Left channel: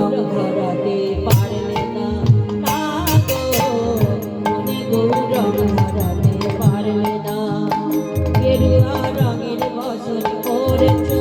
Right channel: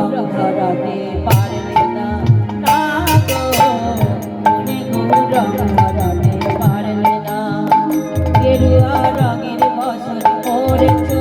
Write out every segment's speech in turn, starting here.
রং ধরাতে পারলে না তা না গেরুয়া রঙের বসন পড়েছ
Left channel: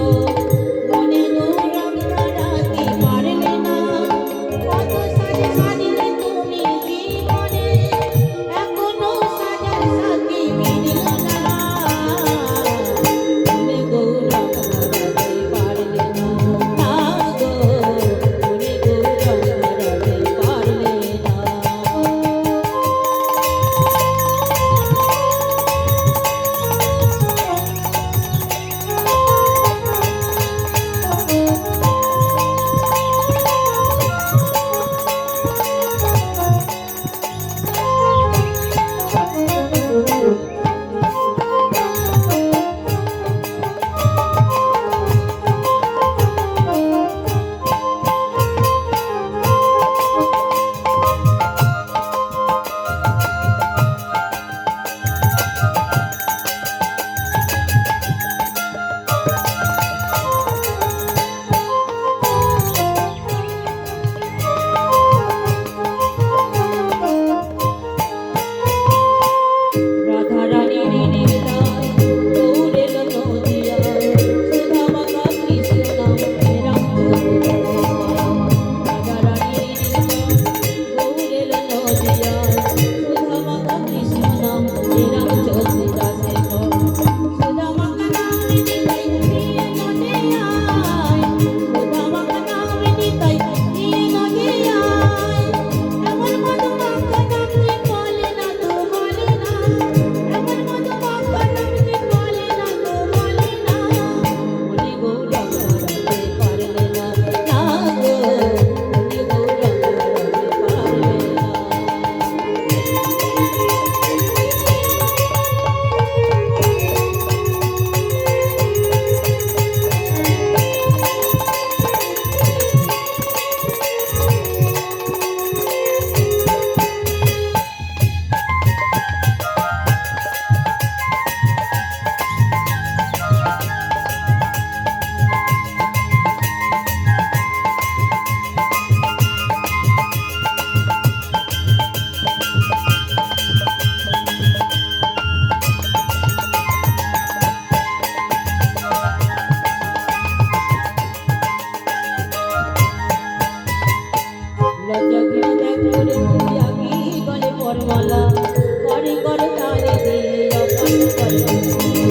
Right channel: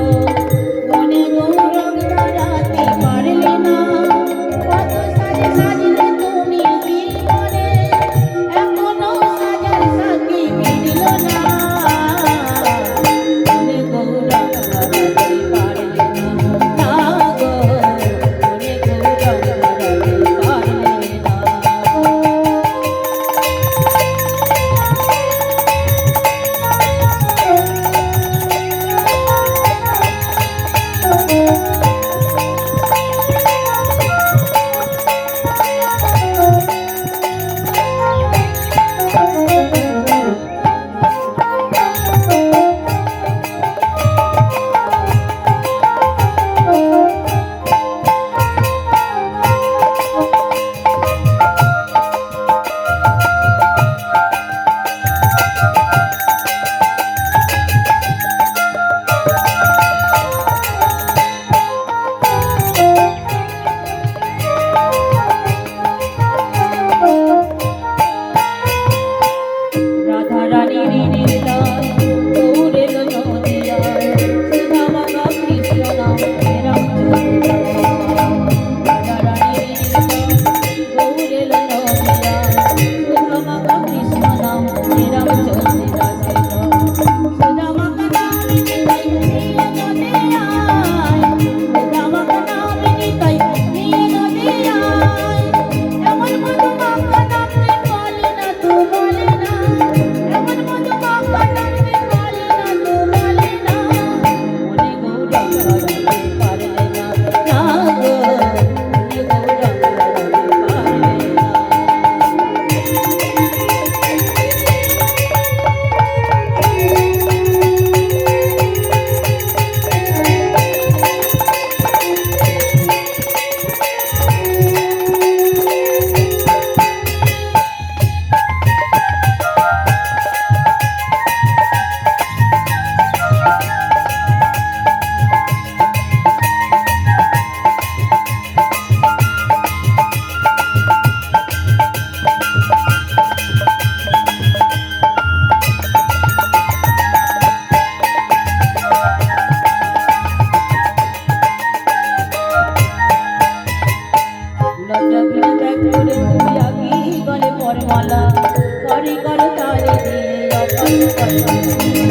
嗯。